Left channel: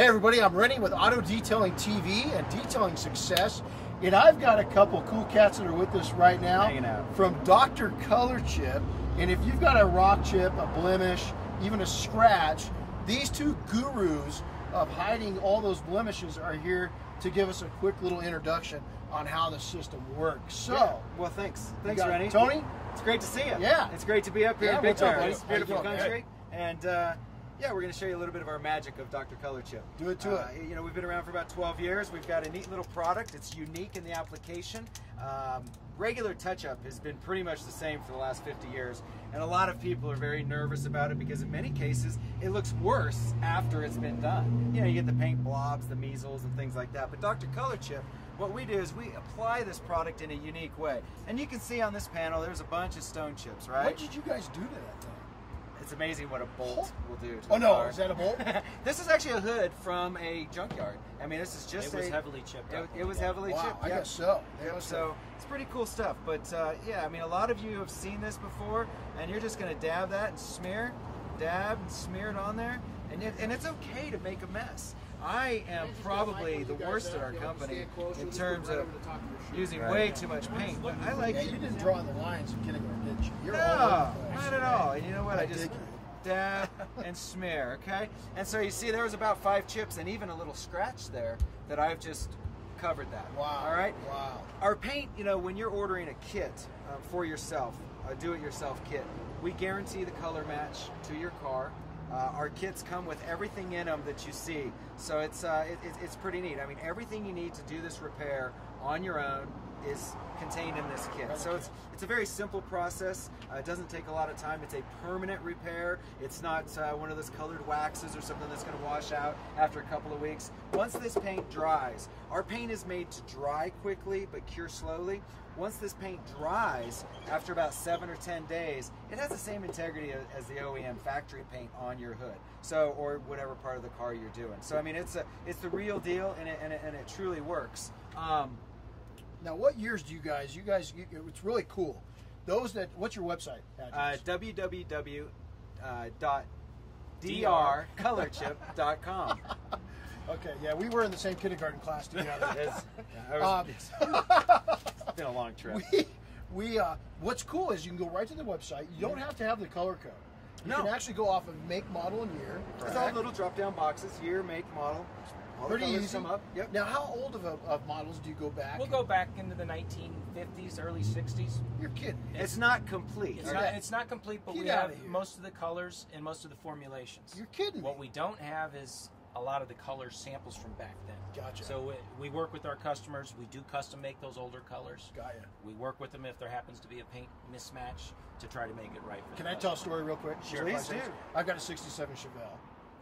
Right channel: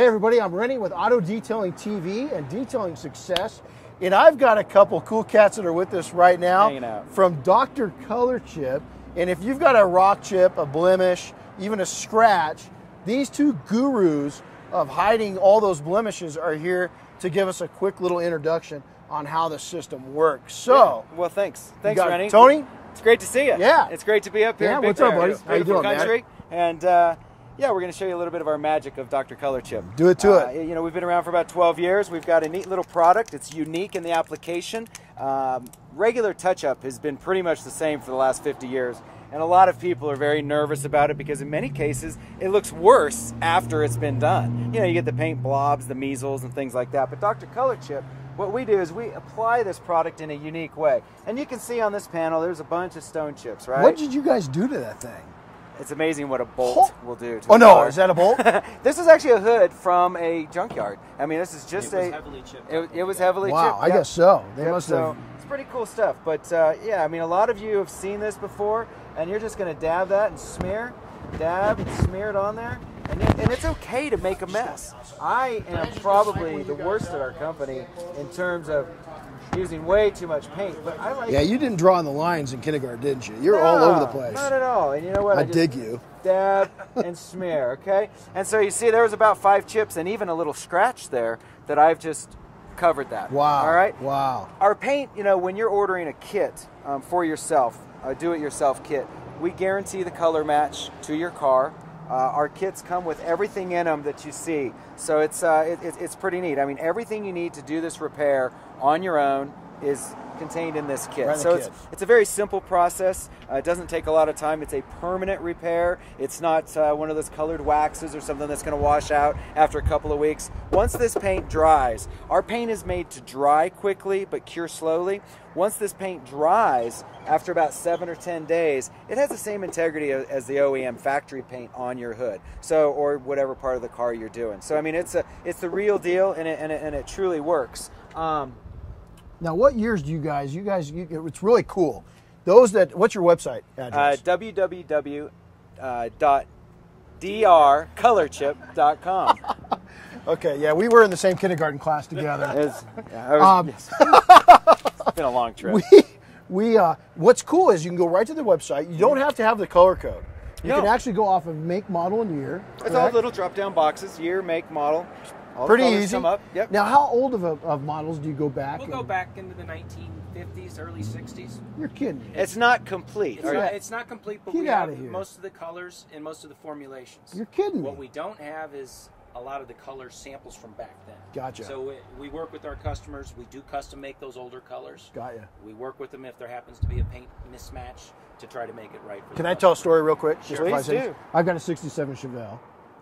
Hey everybody, I'm Rennie with Auto Detailing TV and Detailing Success, and I've got a couple cool cats that are with us right now Hanging out. from Dr. Color Chip. And if you've got a rock chip, a blemish, even a scratch, these two gurus of hiding all those blemishes are here to give us a quick little introduction on how the system works. So, well, thanks, you got Rennie. Tony. It's great to see you. Yeah, it's great to be up here. Yeah, in Big what's up, Bear. buddy? It's How you beautiful doing, country, and yeah, we're going to show you a little bit of our magic of Dr. Color Chip. Do it to it. You know, we've been around for about 12 years. We've got a neat little product. It's unique in the application. Regular touch-up has been pretty much the same for the last 50 years. And a lot of people are very nervous about it because in many cases, it looks worse after it's been done. You know, you get the paint blobs, the measles, and things like that. But Dr. Color Chip, what we do is we apply this product in a unique way. And you can see on this panel, there's a bunch of stone chips, right? What did you guys do to that thing? It's amazing what a bolt will do to Oh a no, car. is that a bolt? This is actually a hood from a junkyard. I mean, this is just It was heavily chipped. It was heavily Wow, chipped. I guess so. They Yep, must so have. it's pretty cool stuff. But yeah, I mean, a lot of you have seen this before, and you're just going to dab that and smear, dab and smear it on there, and it's okay to make a mess. I am probably the worst at our company in terms of using way too much paint, but I like. Yeah, you didn't draw on the lines in kindergarten, didn't you? You're No, all over the place. Not at all. And you know what? I just dig you. Dab and smear, okay? And so you see there was about 5 chips and even a little scratch there that I've just covered that. Wow. All right? Wow. Our paint, you know, when you're ordering a kit for yourself, a do-it-yourself kit, we guarantee the color match to your car. Our kits come with everything in them that you see. So it's pretty neat. I mean, everything you need to do this repair on your own is contained in this kit. Right in the So kit. it's a very simple process. It doesn't take a lot of time. It's a permanent repair. It's not one of those colored waxes or something that's going to wash out after a couple of weeks. Once this paint dries, our paint is made to dry quickly but cure slowly. Once this paint dries, after about 7 or 10 days, it has the same integrity as the OEM factory paint on your hood, so or whatever part of the car you're doing. So I mean, it's the real deal, and it truly works. Now, what years do you guys? It's really cool. Those that. What's your website address? www.drcolorchip.com. Okay, yeah, we were in the same kindergarten class together. It's been a long trip. What's cool is you can go right to the website. You don't have to have the color code. You No. can actually go off of make, model, and year. It's all little drop-down boxes: year, make, model. All the Pretty colors easy. Come up. Yep. Now, how old of models do you go back? We'll go back into the 1950s, early 60s. You're kidding. It's not complete. Yeah. It's not complete, but Get we outta have here. most of the colors and most of the formulations. You're kidding me. What we don't have is a lot of the color samples from back then. Gotcha. So we work with our customers. We do custom make those older colors. Got ya. We work with them if there happens to be a paint mismatch to try to make it right for Can the I tell a story real quick? Sure. for 5 Please seconds? do. I've got a 67 Chevelle.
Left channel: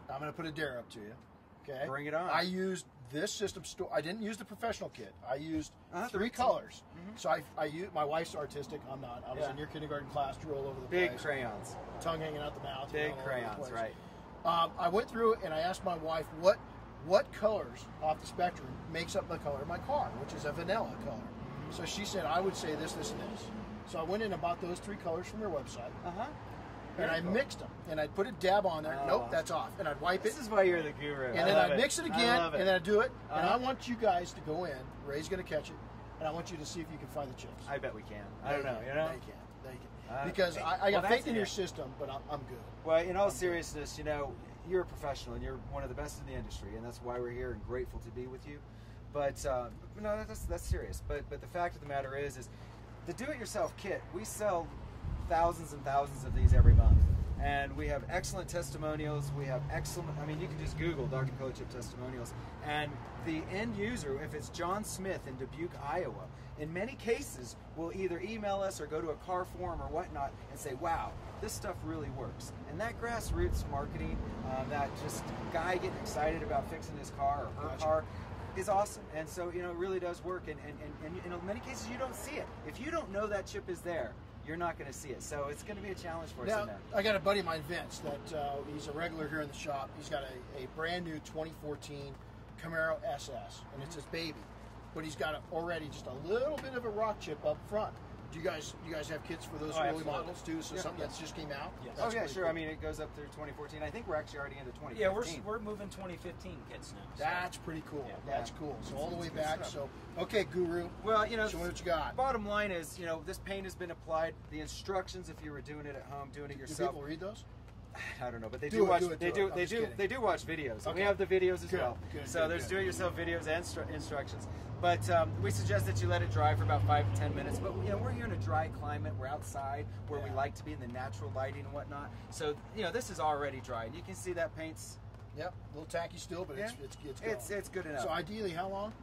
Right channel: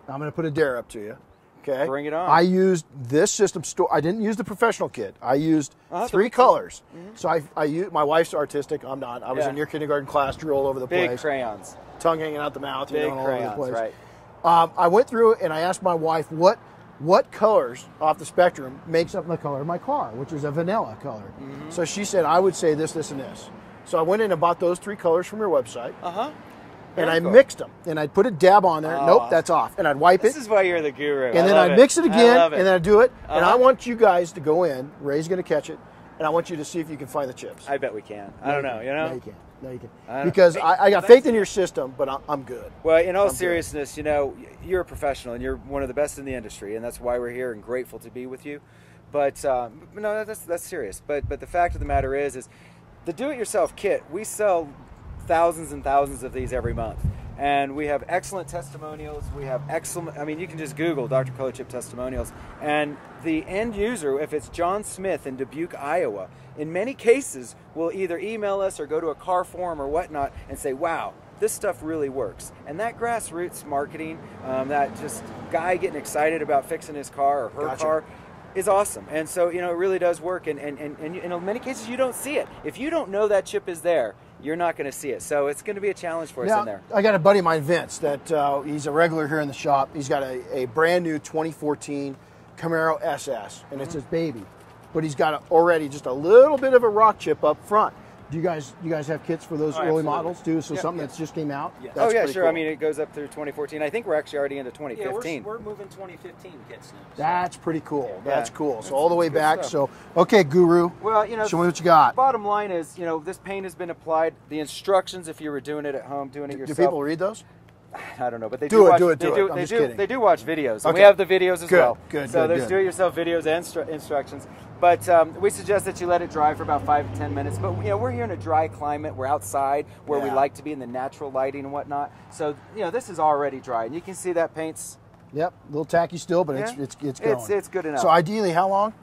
I'm going to put a dare up to you. Okay. Bring it on. I used this system store. I didn't use the professional kit. I used 3 colors. So I used, my wife's artistic. I'm not. I was Yeah. in your kindergarten class, drew all over the Big place. crayons. Tongue hanging out the mouth. Big all over the crayons, place. right. I went through and I asked my wife what colors off the spectrum makes up the color of my car, which is a vanilla color. So she said I would say this, this, and this. So I went in and bought those 3 colors from your website. Uh-huh. And Very I cool. mixed them, and I'd put a dab on there. Oh. Nope, that's off. And I'd wipe This it, is why you're the guru. and then love I'd mix it again, I love it. and then I'd do it. And I Uh-huh. want you guys to go in. Ray's going to catch it, and I want you to see if you can find the chips. I bet we can. I don't know. You know. No, you can't. No, you I can't. don't- Because I got faith in your system, but I'm good. Well, in all I'm good. seriousness, you know, you're a professional and you're one of the best in the industry, and that's why we're here and grateful to be with you. But no, that's serious. But the fact of the matter is the do-it-yourself kit. We sell thousands and thousands of these every month, and we have excellent testimonials. We have excellent. I mean, you can just Google Dr. Color Chip testimonials, and the end user, if it's John Smith in Dubuque, Iowa, in many cases will either email us or go to a car forum or whatnot and say, "Wow, this stuff really works." And that grassroots marketing, that just guy getting excited about fixing his car or her Gotcha. car, is awesome. And so, you know, it really does work. And in many cases, you don't see it. If you don't know that chip is there, you're not going to see it. So it's going to be a challenge for us Now, in there. I got a buddy of mine, Vince, that he's a regular here in the shop. He's got a brand new 2014 Camaro SS, and it's his baby. But he's got already just a little bit of a rock chip up front. Do you guys have kits for those Oh, early absolutely. models too? So Yeah, something yeah. that's just came out. Yes. That's oh yeah, pretty sure. cool. I mean, it goes up through 2014. I think we're actually already into Yeah, 2015. we're moving 2015 kits now. so- That's pretty cool. Yeah. That's cool. So That's- all the way that's good back. stuff. So okay, Guru. Well, you know, Show me what you got. bottom line is, you know, this paint has been applied. The instructions, if you were doing it at home, doing it Do yourself. people read those? I don't know, but they Do do it, watch, do it, they do do, it. I'm they just do, kidding. they do watch videos. And Okay. we have the videos as Good, well. good, So good, there's good. do-it-yourself videos and instructions. But we suggest that you let it dry for about 5 to 10 minutes. But you know, we're here in a dry climate. We're outside where we Yeah. like to be in the natural lighting and whatnot. So you know, this is already dry, and you can see that paint's. Yep, a little tacky still, but Yeah. it's going. It's good enough. So ideally, how long?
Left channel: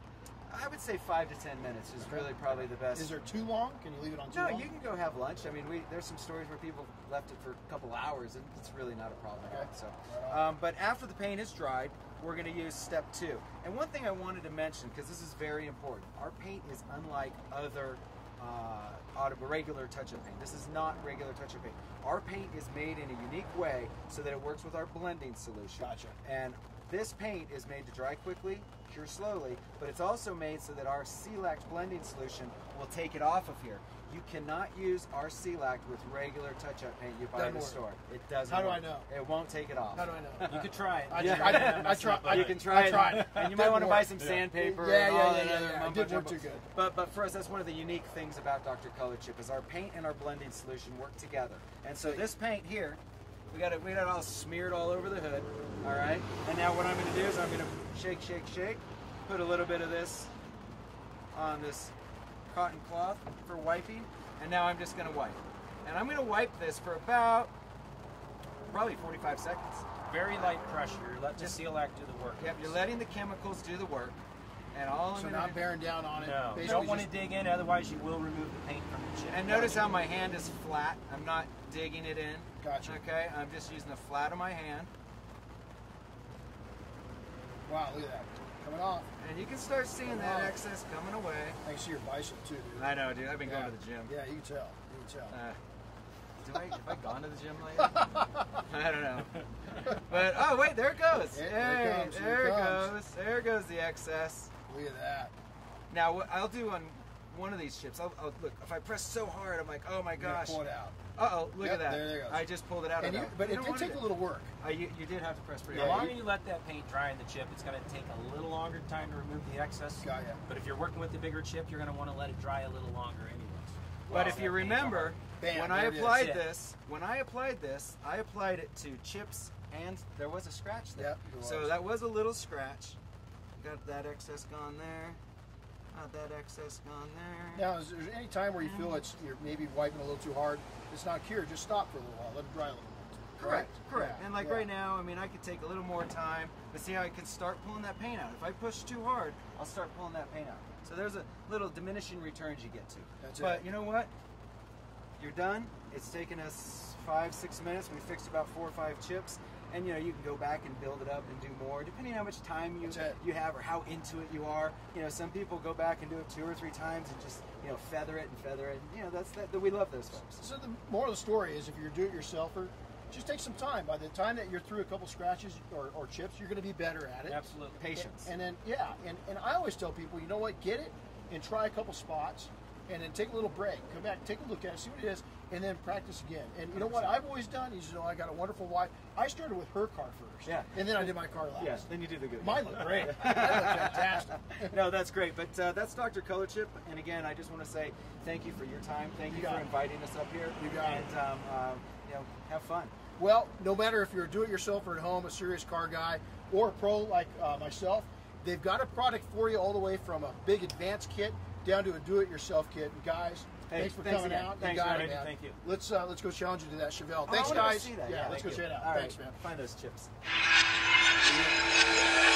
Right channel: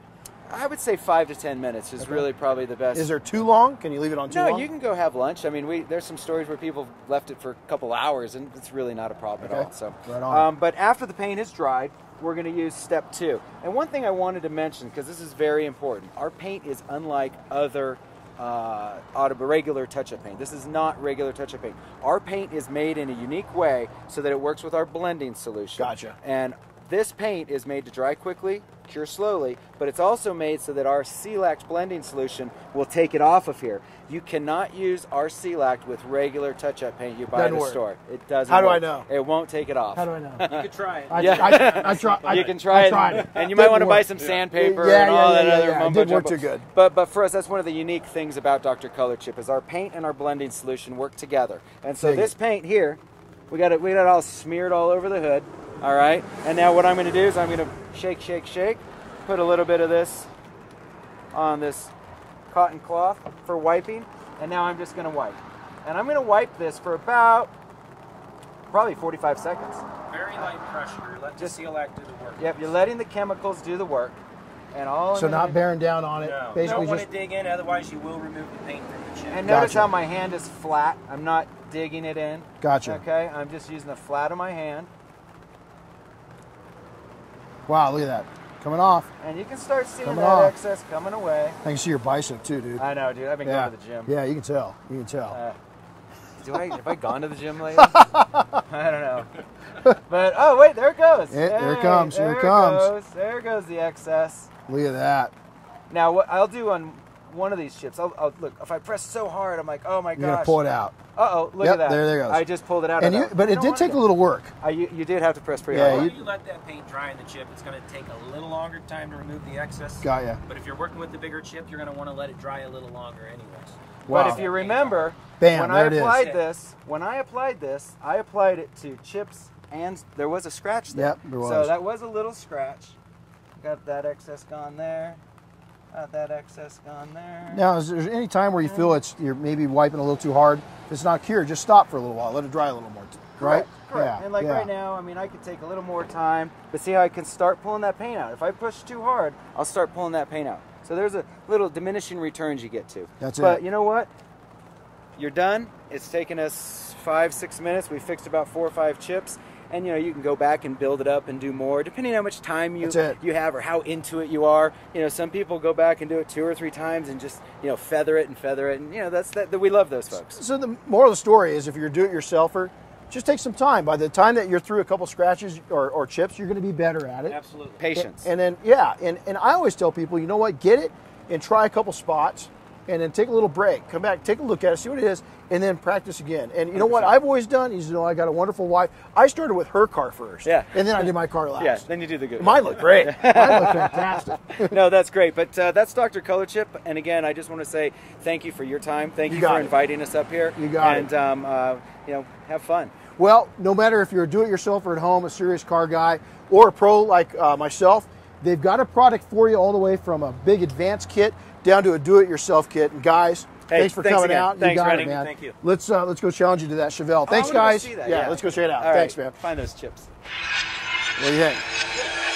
I would say 5 to 10 minutes is Okay. really probably the best. Is there too long? Can you leave it on too No, long? you can go have lunch. I mean, there's some stories where people left it for a couple hours, and it's really not a problem Okay. at all. So, Right on. but after the paint is dried, we're going to use step 2. And one thing I wanted to mention, because this is very important, our paint is unlike other regular touch-up paint. This is not regular touch-up paint. Our paint is made in a unique way so that it works with our blending solution. Gotcha. And this paint is made to dry quickly, cure slowly, but it's also made so that our Celact blending solution will take it off of here. You cannot use our Celact with regular touch-up paint you buy Doesn't at the work. store. It doesn't How do I work. know? It won't take it off. How do I know? You could try it. I tried. You can try I it, tried it. and you might Didn't want to buy work. some sandpaper Yeah, and all yeah, that yeah, other yeah. It mumbo didn't work jumbo. too good. But for us, that's one of the unique things about Dr. Color Chip is our paint and our blending solution work together. And so Dig this it. paint here, we got it all smeared all over the hood. All right, and now what I'm going to do is I'm going to shake, shake, shake, put a little bit of this on this cotton cloth for wiping, and now I'm just going to wipe. And I'm going to wipe this for about probably 45 seconds. Very light pressure. Let the Celact do the work. Yep, you're letting the chemicals do the work, and all. So I'm not gonna- bearing down on it. No, you Basically, don't want just to dig in, otherwise you will remove the paint from the chip. And notice Gotcha. how my hand is flat. I'm not digging it in. Gotcha. Okay, I'm just using the flat of my hand, wow. Look at that coming off. and you can start seeing Coming that off. excess coming away. I can see your bicep too, dude. I know, dude. I've been Yeah. going to the gym. Yeah, you can tell. You can tell. Have I gone to the gym lately? I don't know. But oh wait, there it goes. There it Hey, comes, here it there comes. goes. There goes the excess. Look at that. Now what I'll do on one of these chips, I'll look. If I press so hard, I'm like, oh my You're gonna gosh. pull it out. Uh-oh, look Yep, at that. there it goes. I just pulled it out. And of you, that. but You it don't did want take to. a little work. You did have to press pretty Yeah, hard. While you let that paint dry in the chip, it's going to take a little longer time to remove the excess. Got ya. But if you're working with the bigger chip, you're going to want to let it dry a little longer anyways. Wow. But if you remember, Bam, when there I it is. applied this, I applied it to chips, and there was a scratch there. Yep, there So was. that was a little scratch. Got that excess gone there. Got that excess gone there. Now, is there any time where you feel you're maybe wiping a little too hard? If it's not cured, just stop for a little while. Let it dry a little more. Right? Correct. Yeah, And like yeah. right now, I mean, I could take a little more time, but see how I can start pulling that paint out. If I push too hard, I'll start pulling that paint out. So there's a little diminishing returns you get to. That's But it. you know what? You're done. It's taken us 5-6 minutes. We fixed about 4 or 5 chips. And you know, you can go back and build it up and do more, depending on how much time That's it. you have or how into it you are. You know, some people go back and do it 2 or 3 times and just, you know, feather it, and you know, that we love those folks. So the moral of the story is, if you're a do-it-yourselfer, just take some time. By the time that you're through a couple scratches or chips, you're going to be better at it. Absolutely. Patience. And then, yeah, and I always tell people, you know what, get it and try a couple spots, and then take a little break. Come back, take a look at it, see what it is, and then practice again. And you know what 100%. I've always done is, you know, I got a wonderful wife. I started with her car first. Yeah. And then I did my car last. Yeah, then you do the good. Mine looked great. Mine looked fantastic. No, that's great. But that's Dr. Color Chip. And again, I just want to say thank you for your time. Thank You you got for it. inviting us up here. You got it. And, you know, have fun. Well, no matter if you're a do-it-yourselfer at home, a serious car guy, or a pro like myself, they've got a product for you all the way from a big advanced kit down to a do-it-yourself kit. And guys, Hey, thanks for thanks coming again. out. Thanks, you got Randy. it, man. Thank you. Let's go challenge you to that Chevelle. Thanks, I wanna go guys. see that, Yeah, let's go check it out. All right. Thanks, man. Find those chips. What do you think?